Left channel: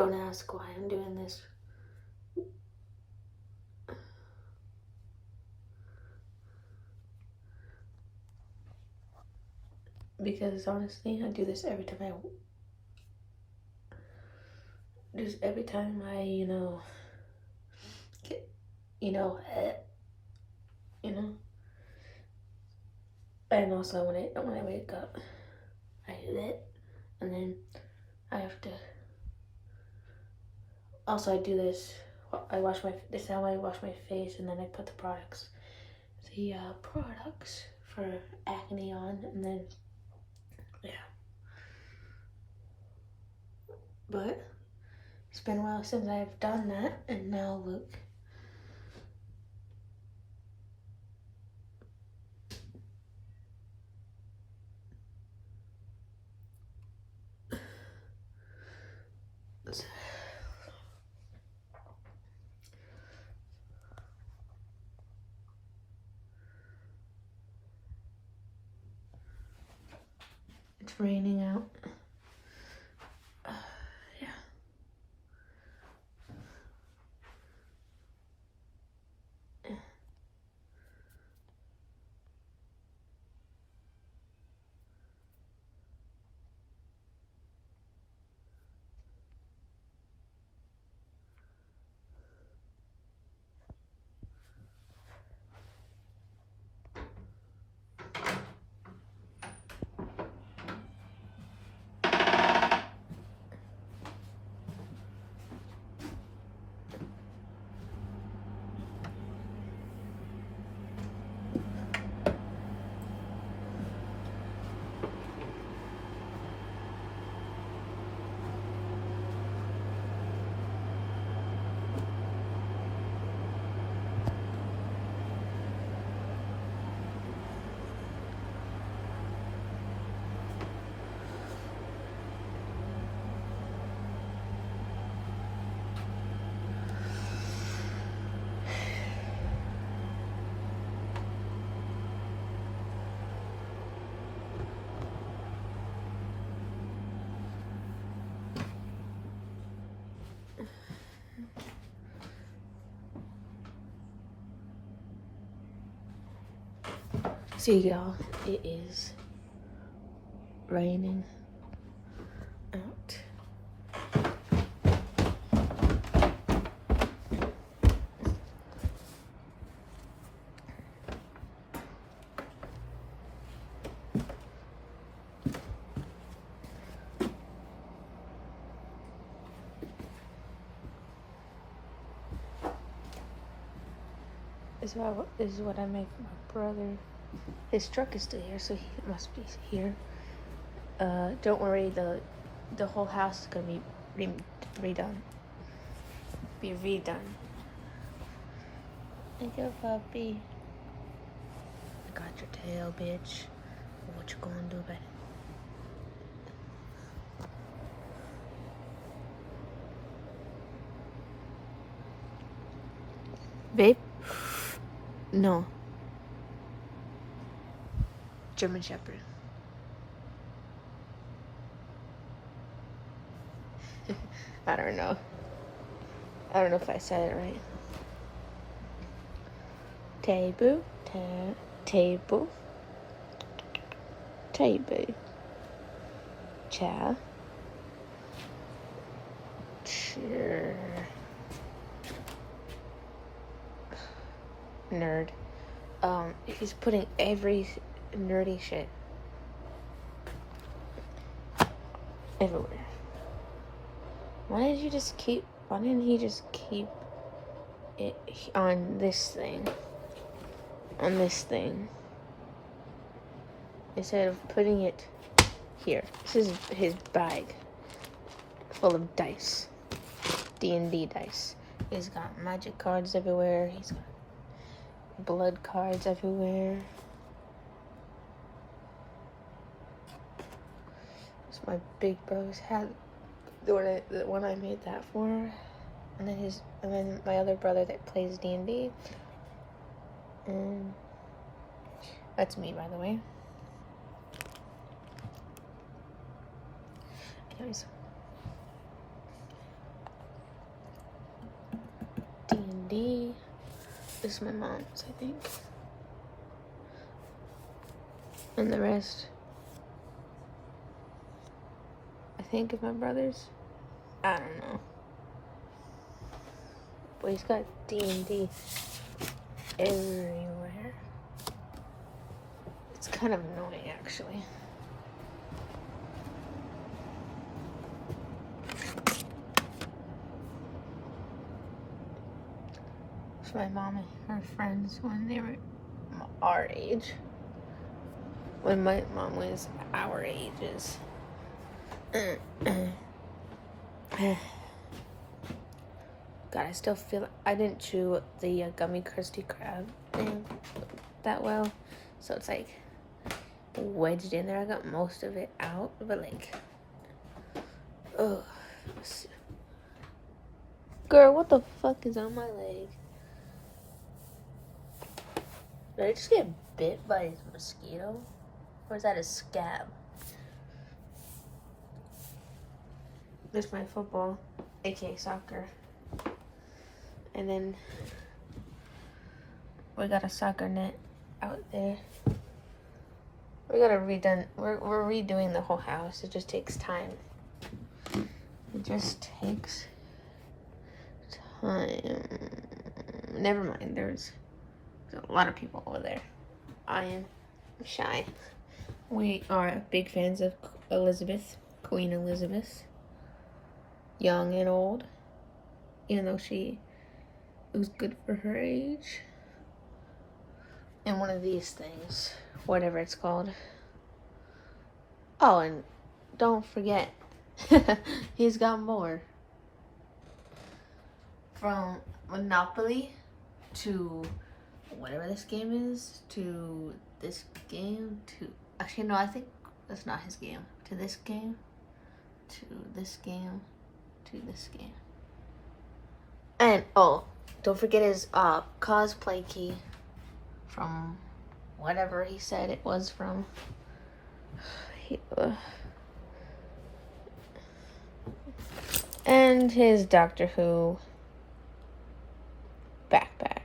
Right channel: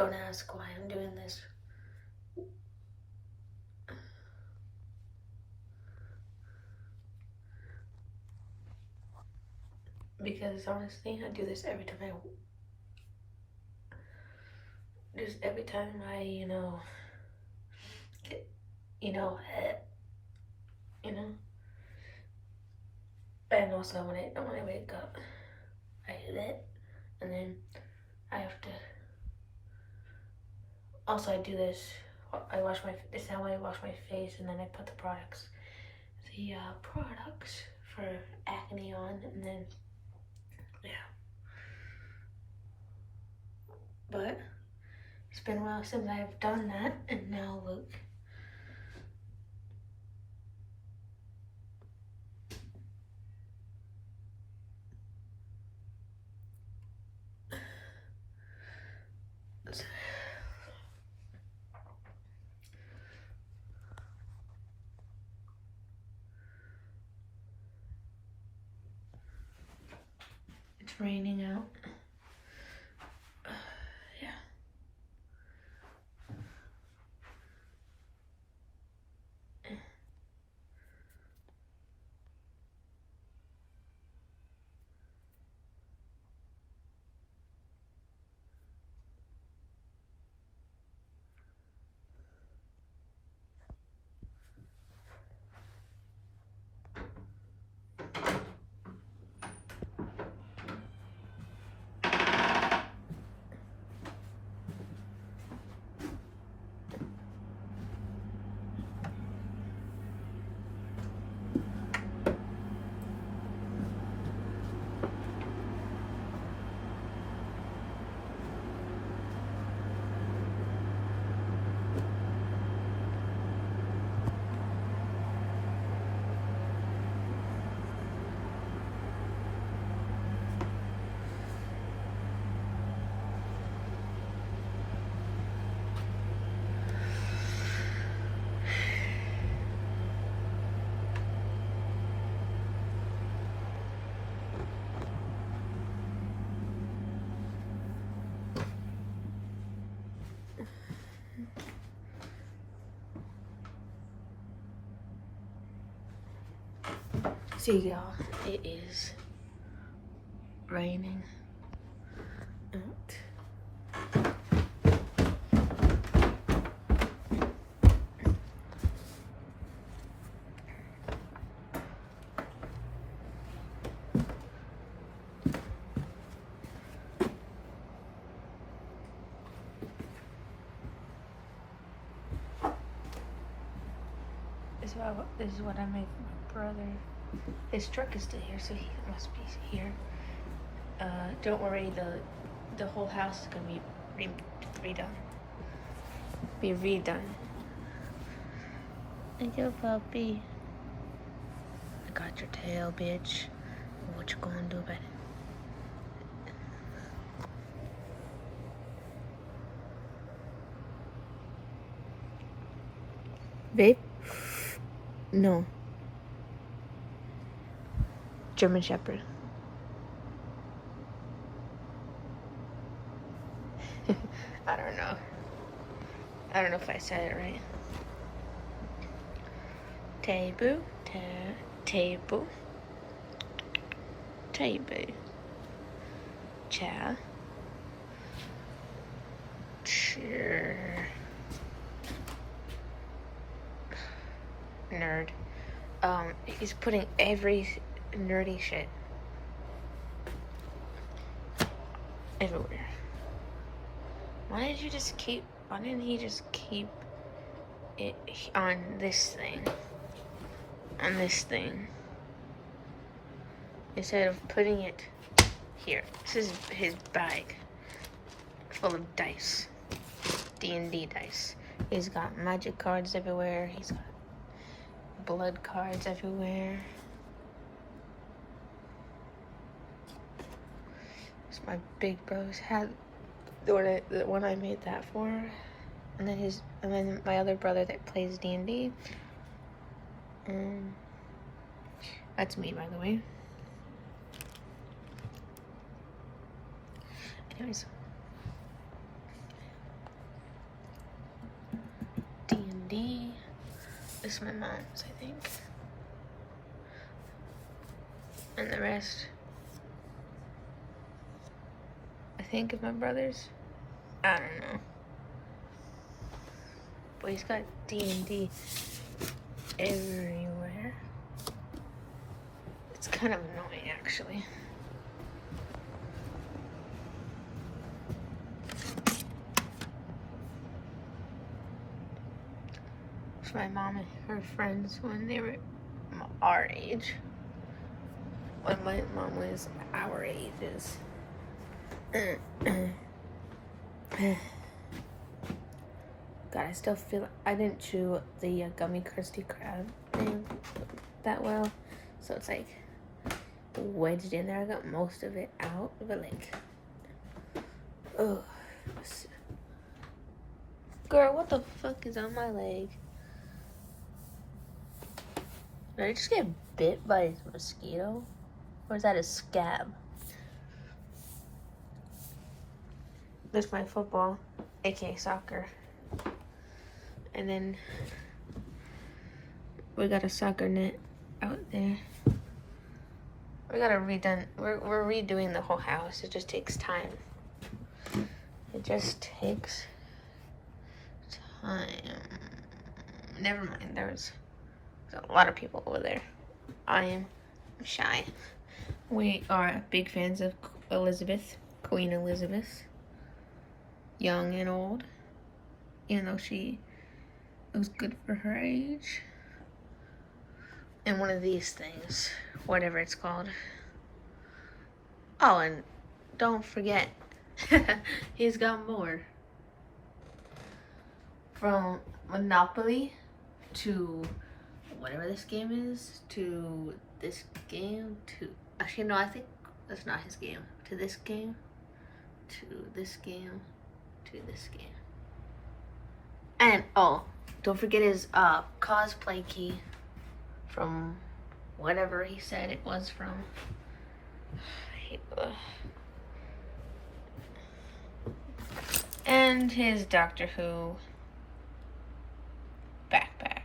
Don't ask why I'm doing this. Because honestly, I do this every time I get, and also when I wake up, I do that, and then I have to. Also, I do this. This is how I wash my face, and then I put the products for acne on, and then yeah. But it's been a while since I've done that, and now look. It's raining out. Yeah. See y'all, it is raining out. This is what I make for my brother. His truck is still here, so he must be here. Don't worry, the whole house is gonna be redone. Be redone. Thank you, puppy. I got your tail, bitch. What you gonna do about it? Babe? No. German Shepherd. I don't know. I don't know if I said it right. Table. Table. Table. Chair. Chair. Nerd. He's putting every nerdy shit everywhere. Why didn't he just keep it on this thing? On this thing. Instead of putting it here. This is his bag. Full of dice. D&D dice. He's got magic cards everywhere. He's got blood cards everywhere. It's my big brother's hat. The one I made that for. And then my other brother that plays D&D. That's me, by the way. Anyways. This is my mom's, I think. And the rest, I think, is my brother's. I don't know. But he's got D&D everywhere. It's kind of annoying, actually. It's my mom and her friends when they were our age. When my mom was our ages. God, I still feel I didn't chew the gummy Krusty Krab thing that well, so it's like wedged in there. I got most of it out, but like, oh, girl, what the fuck is on my leg? Did I just get bit by a mosquito, or is that a scab? This is my football, aka soccer. And then we got a soccer net out there. We're redoing the whole house. It just takes time. It just takes time. Never mind. There's a lot of people over there. I am shy. We are big fans of Elizabeth, Queen Elizabeth. Young and old. Even though it was good for her age. And one of these things, whatever it's called. Oh, and don't forget, he's got more. From Monopoly to whatever this game is, to this game, to... Actually, no, I think that's not his game. To this game, to this game, to this game. And, oh, don't forget his cosplay key from whatever he said it was from. And his Doctor Who backpack.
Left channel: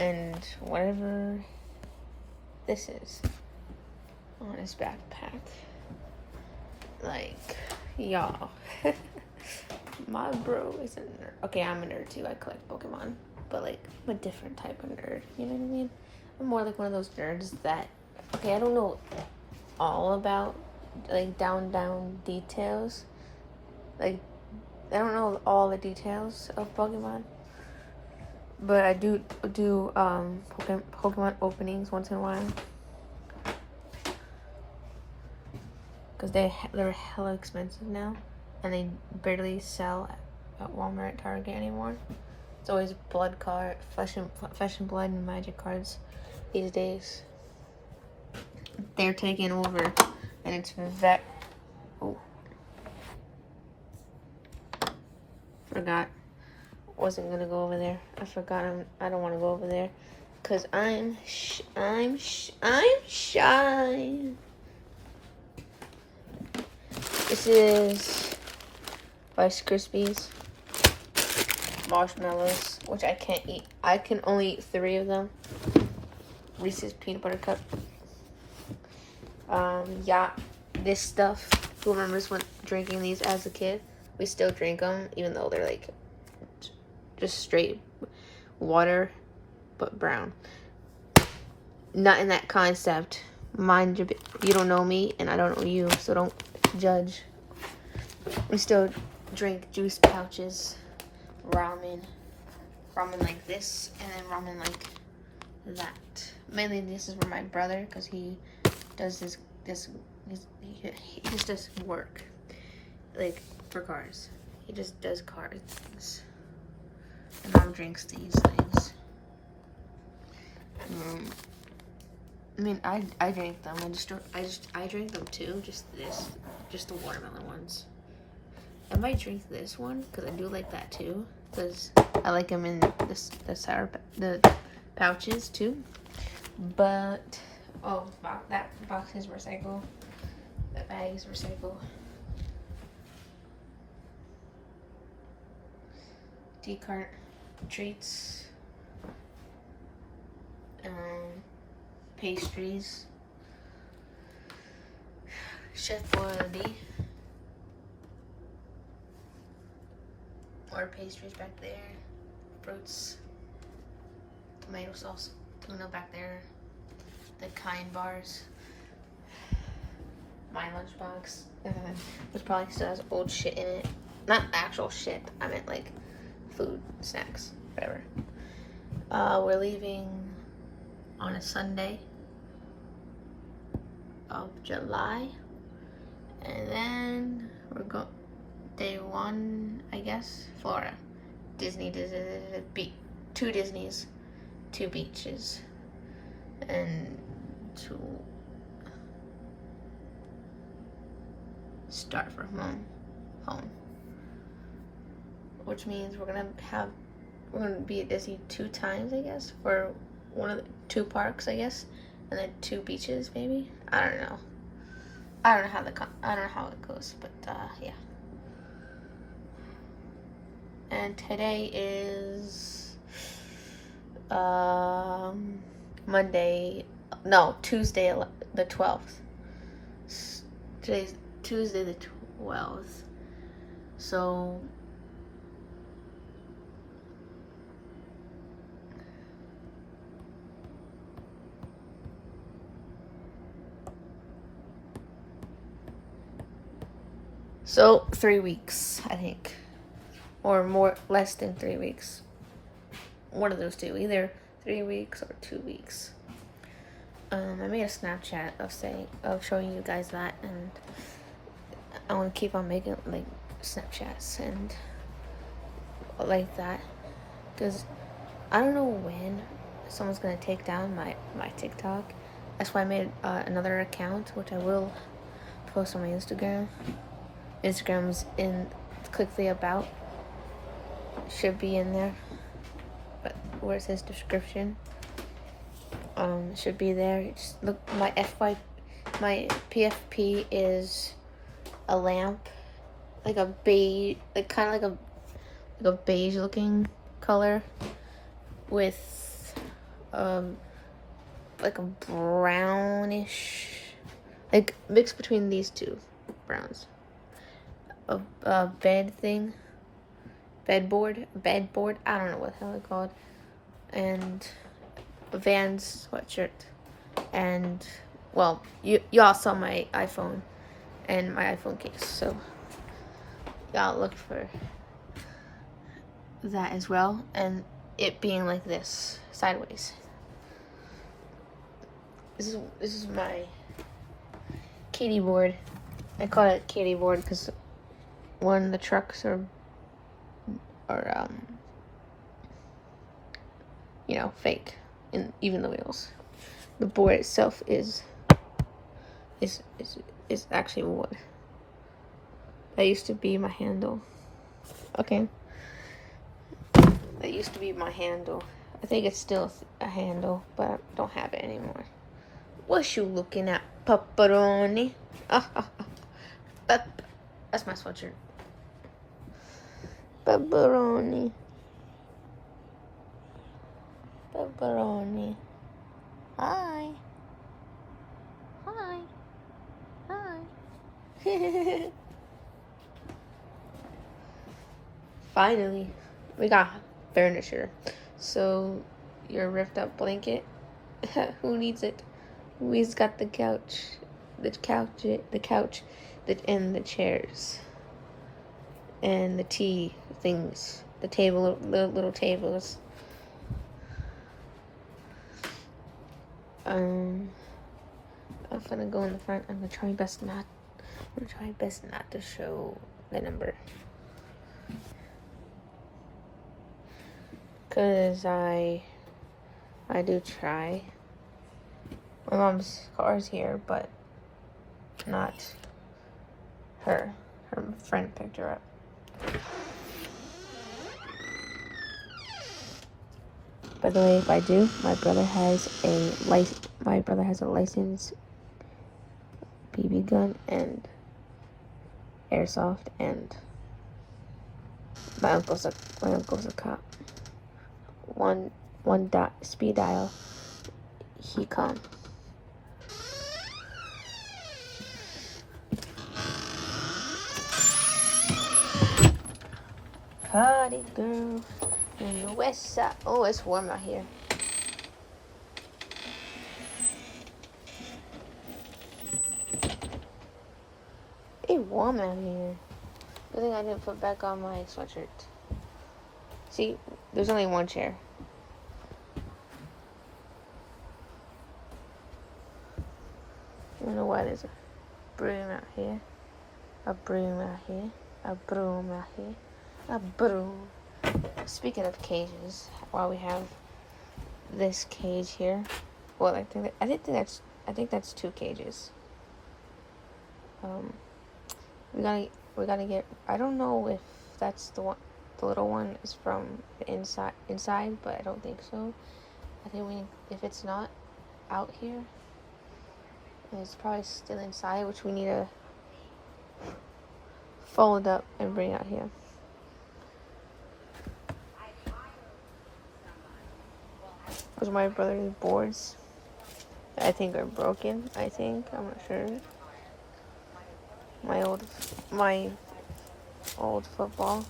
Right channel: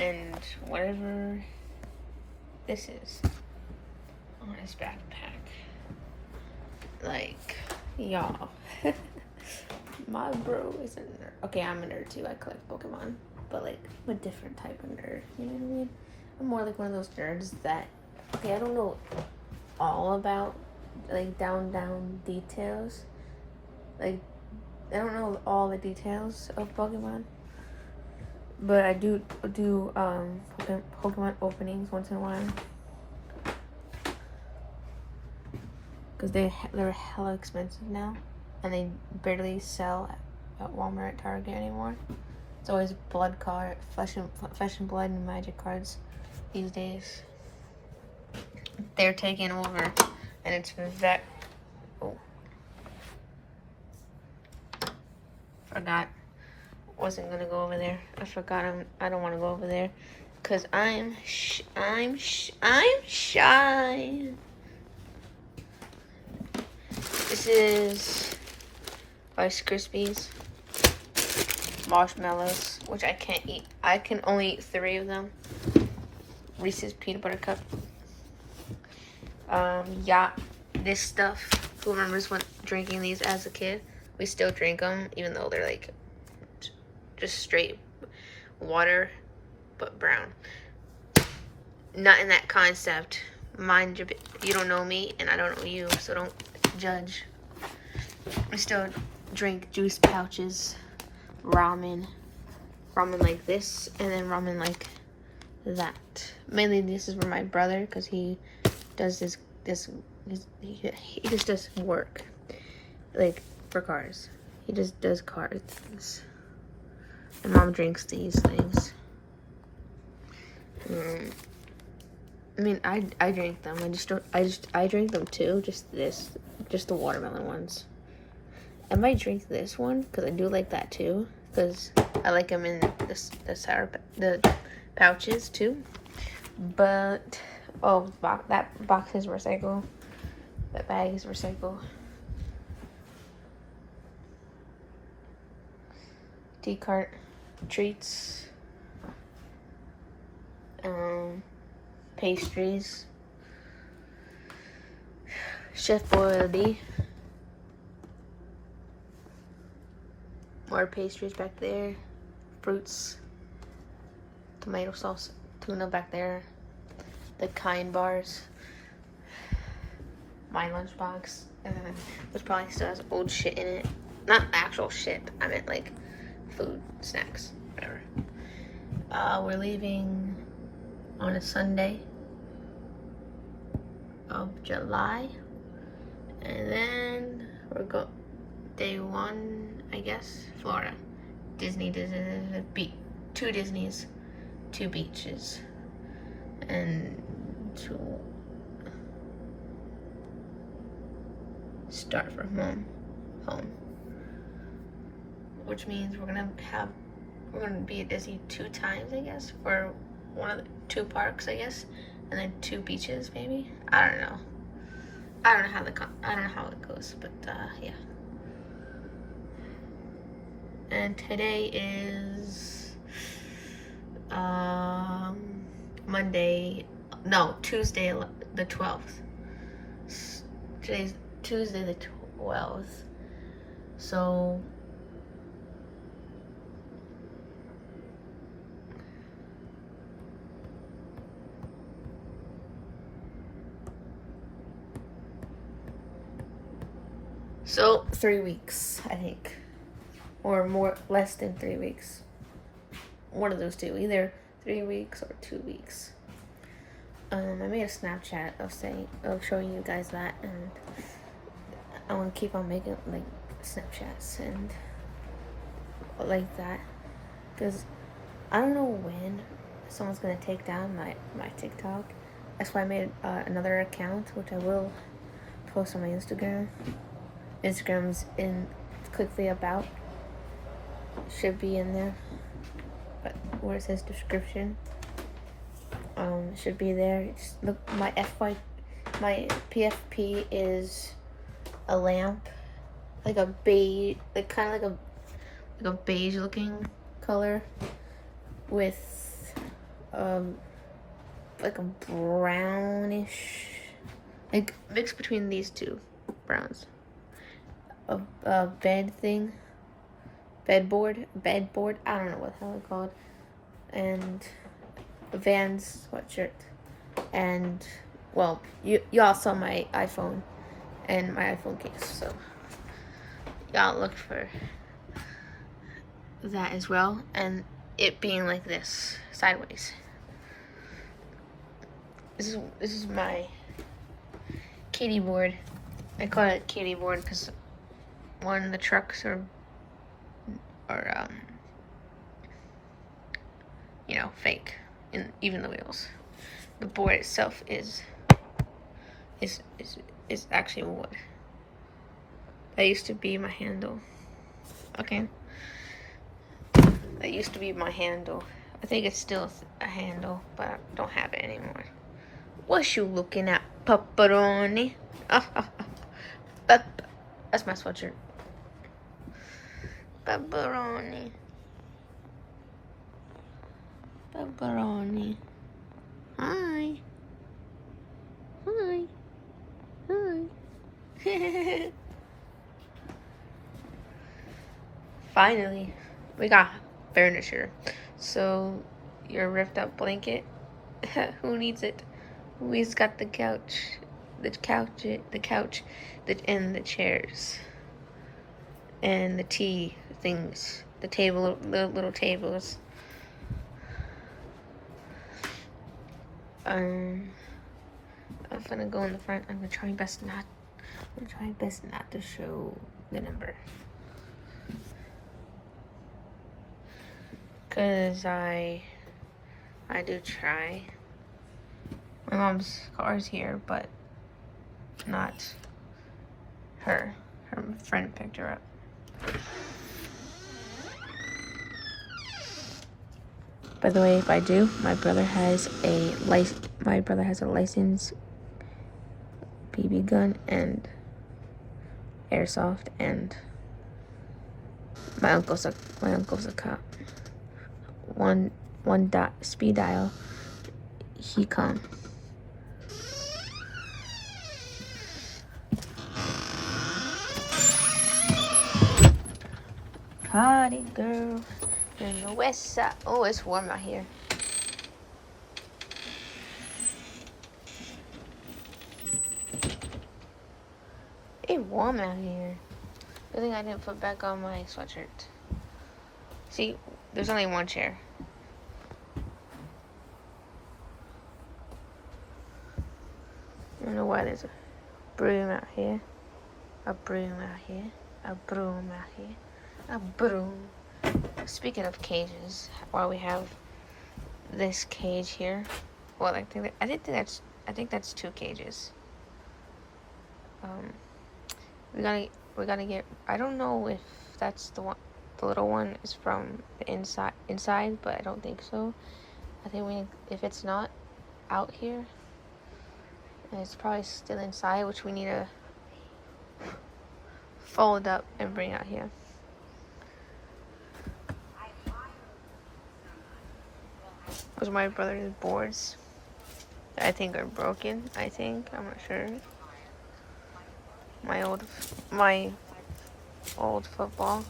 And whatever this is on his backpack. Like, y'all. My bro is a nerd. Okay, I'm a nerd too. I collect Pokemon. But like, I'm a different type of nerd. You know what I mean? I'm more like one of those nerds that, okay, I don't know all about, like, down details. Like, I don't know all the details of Pokemon. But I do Pokemon openings once in a while. Because they're hella expensive now. And they barely sell at Walmart, Target anymore. It's always blood card, flesh and blood and magic cards these days. They're taking over. And it's oh. Forgot. Wasn't gonna go over there. I forgot. I don't want to go over there because I'm shy. This is Rice Krispies, marshmallows, which I can't eat. I can only eat 3 of them. Reese's peanut butter cup. Yeah, this stuff. Who remembers when drinking these as a kid? We still drink them, even though they're like just straight water, but brown. Not in that concept. Mind you don't know me, and I don't know you, so don't judge. We still drink juice pouches, ramen like this, and then ramen like that. Mainly this is for my brother, because he does he just does work, like, for cars. He just does cars things. And mom drinks these things. I mean, I drink them. I drink them too. Just the watermelon ones. I might drink this one because I do like that too. Because I like them in the pouches too. But that box is recycled. That bag is recycled. decart treats, pastries, Chef Boyardee, more pastries back there, fruits, tomato sauce, tuna back there, the Kind bars, my lunchbox, which probably still has old shit in it. Not actual shit, I meant like food, snacks, whatever. We're leaving on a Sunday of July, and then we're day one, I guess, Florida. Disney, two Disneys, two beaches, and to start from home. Which means we're gonna be at Disney 2 times, I guess, for one of the 2 parks, I guess, and then 2 beaches, maybe. I don't know. I don't know how it goes, but yeah. And today is Tuesday the 12th. Today's Tuesday the 12th. So So 3 weeks, I think, or less than 3 weeks. One of those two, either 3 weeks or 2 weeks. I made a Snapchat of showing you guys that, and I want to keep on making like Snapchats and like that, because I don't know when someone's gonna take down my TikTok. That's why I made another account, which I will post on my Instagram. Instagram's in, click the about, should be in there, but where it says description, should be there. Just look, my PFP is a lamp, like a beige, like kind of like a beige looking color with like a brownish, like mixed between these two browns. A bedboard, I don't know what the hell it's called, and a Vans sweatshirt, and well, y'all saw my iPhone and my iPhone case, so y'all look for that as well, and it being like this, sideways. This is my kitty board. I call it kitty board because one of the trucks are fake, and even the wheels. The board itself is actually wood. That used to be my handle. Okay. That used to be my handle. I think it's still a handle, but I don't have it anymore. What you looking at, pepperoni? That's my sweatshirt. Pepperoni. Pepperoni. Hi. Hi. Hi. Finally, we got furniture. So, your ripped up blanket, who needs it? We've got the couch, and the chairs, and the tea things, the table, little tables. I'm gonna go in the front. I'm gonna try my best not to show the number, cause I do try. My mom's car's here, but not her. Her friend picked her up. By the way, if I do, my brother has a licensed BB gun and airsoft and My uncle's a cop. One dot speed dial. He come. Party girl in the west side. Oh, it's warm out here. It's warm out here. Good thing I didn't put back on my sweatshirt. See, there's only one chair. I don't know why there's a broom out here. A broom out here. A broom out here. A broom. Speaking of cages, while we have this cage here, well, I think that's 2 cages. We gotta get. I don't know if that's the one. The little one is from the inside, but I don't think so. I think if it's not out here, and it's probably still inside, which we need to fold up and bring out here. Because my brother's boards, I think, are broken. I'm not sure. My old football,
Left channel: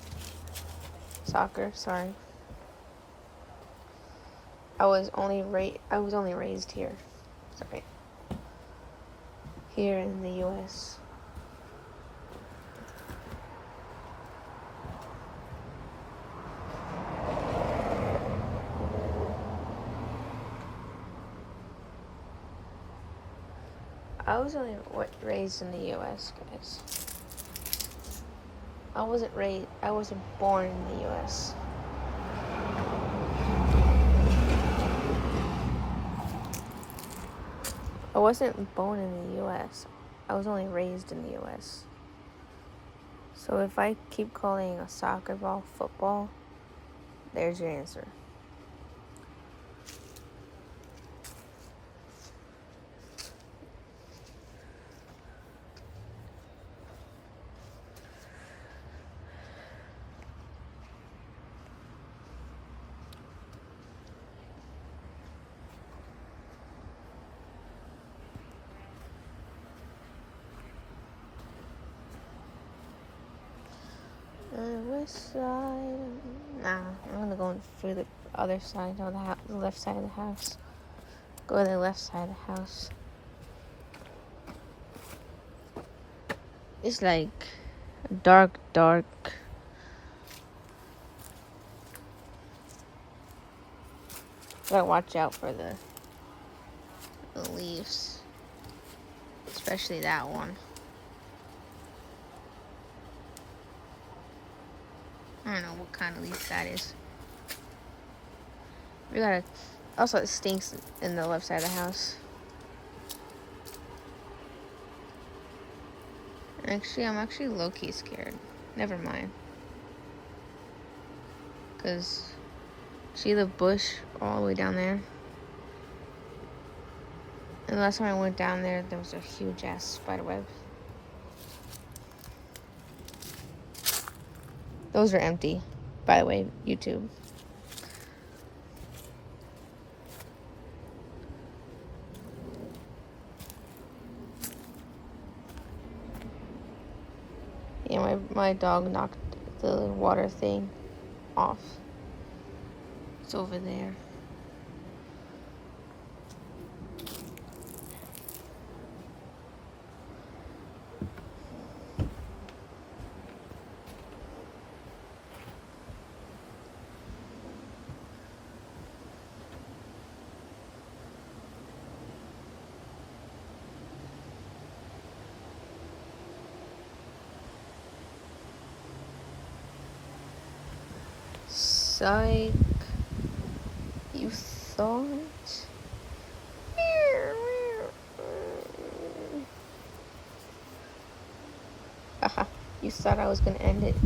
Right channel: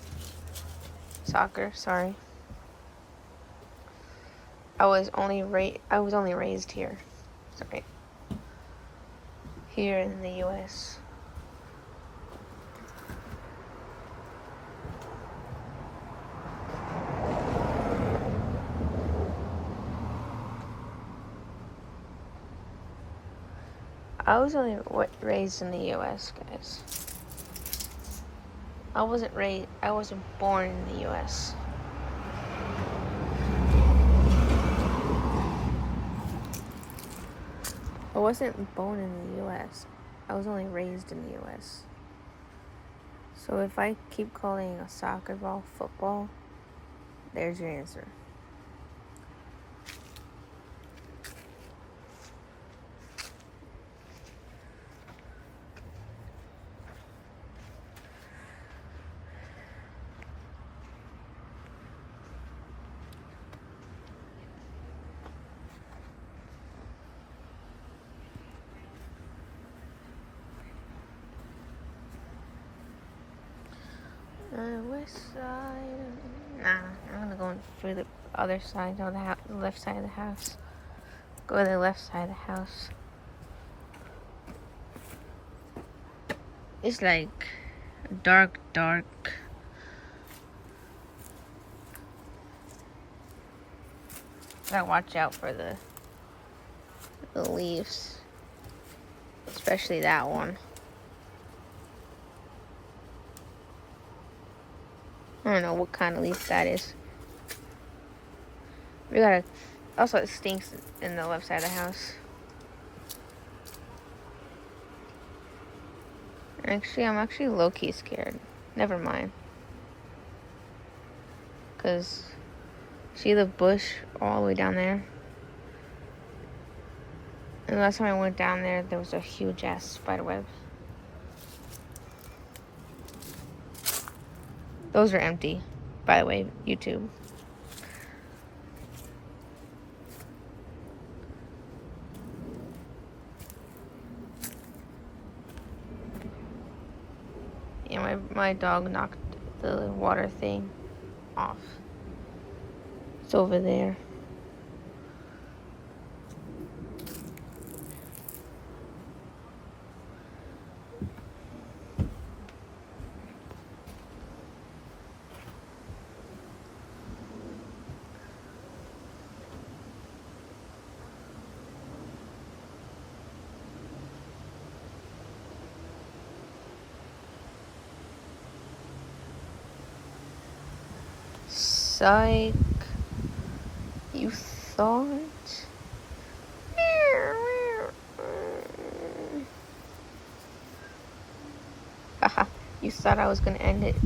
soccer. Sorry. I was only raised here. Sorry. Here in the U.S. I was only raised in the U.S., guys. I wasn't born in the U.S. I wasn't born in the U.S. I was only raised in the U.S. So if I keep calling a soccer ball football, there's your answer. West side. Nah, I'm gonna go through the other side of the left side of the house. Go to the left side of the house. It's like dark. Gotta watch out for the leaves, especially that one. I don't know what kind of leaf that is. We gotta. Also, it stinks in the left side of the house. Actually, I'm actually low-key scared. Never mind. Because, see the bush all the way down there? And the last time I went down there, there was a huge-ass spiderweb. Those are empty, by the way, YouTube. Yeah, my dog knocked the water thing off. It's over there. Psych. You thought? Haha, you thought I was gonna end it.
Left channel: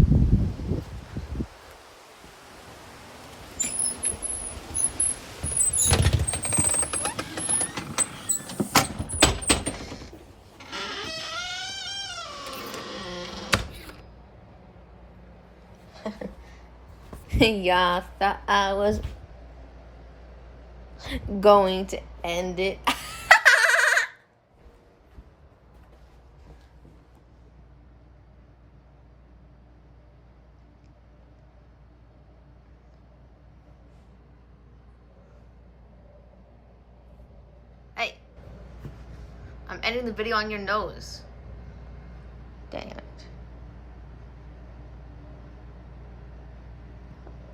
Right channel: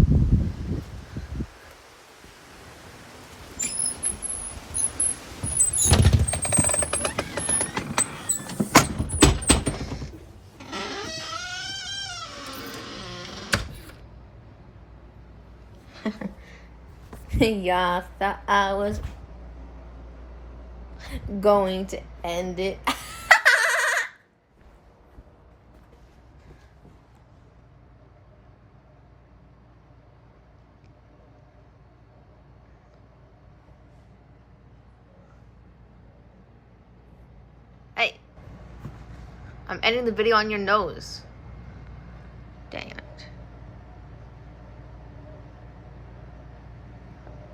Y'all thought I was going to end it. Hey, I'm ending the video on your nose. Dang it.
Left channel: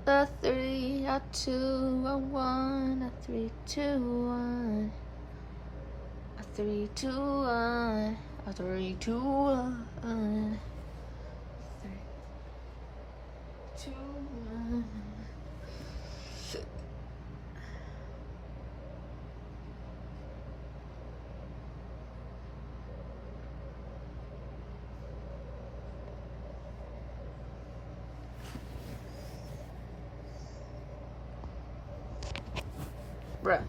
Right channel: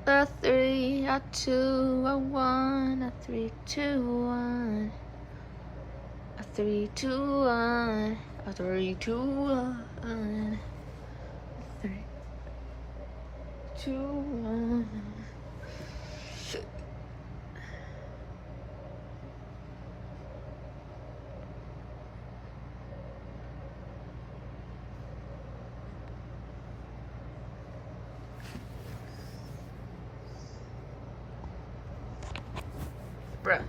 A 3, a 2, a 1, a 3, 2, 1. A 3, 2, 1. A 3, 2, 1. 3, 2, 1. Bruh.